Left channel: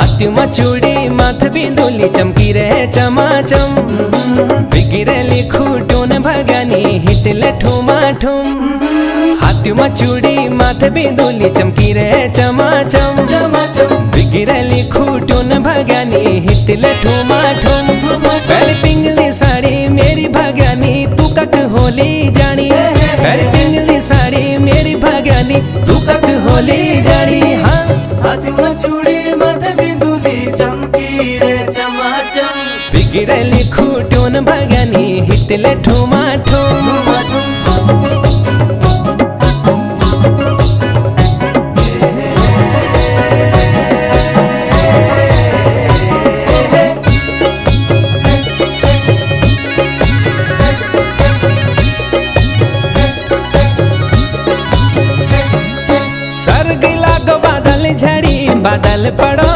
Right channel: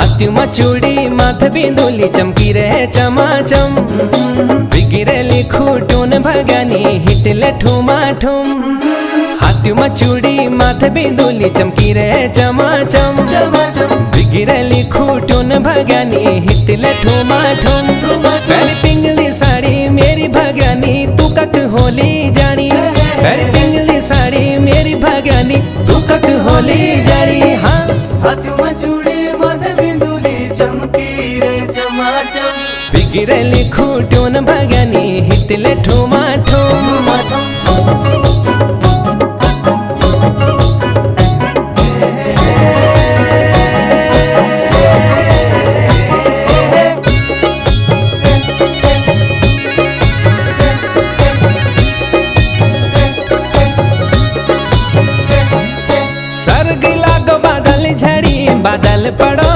हाथ्युमा चूड़ी माथ बिंदुली चमकी रहे चमाचम। बिगिरेली खूटून भगानी हिटले ठुमाठुम। हाथ्युमा चूड़ी माथ बिंदुली चमकी रहे चमाचम। बिगिरेली खूटून भगानी हिटले ठुमाठुम। पहले पिंगली साड़ी मेरी भगानी तू कक होली जानी। पहले पिंगली साड़ी मेरी भगानी तू कक होली जानी। हाँ हाथ्युमा चूड़ी माथ बिंदुली चमकी रे चमाचम। बिगिरेली खूटून भगानी हिटले ठुमाठुम। सर्ग लागो बादल झड़ी बादल पड़ो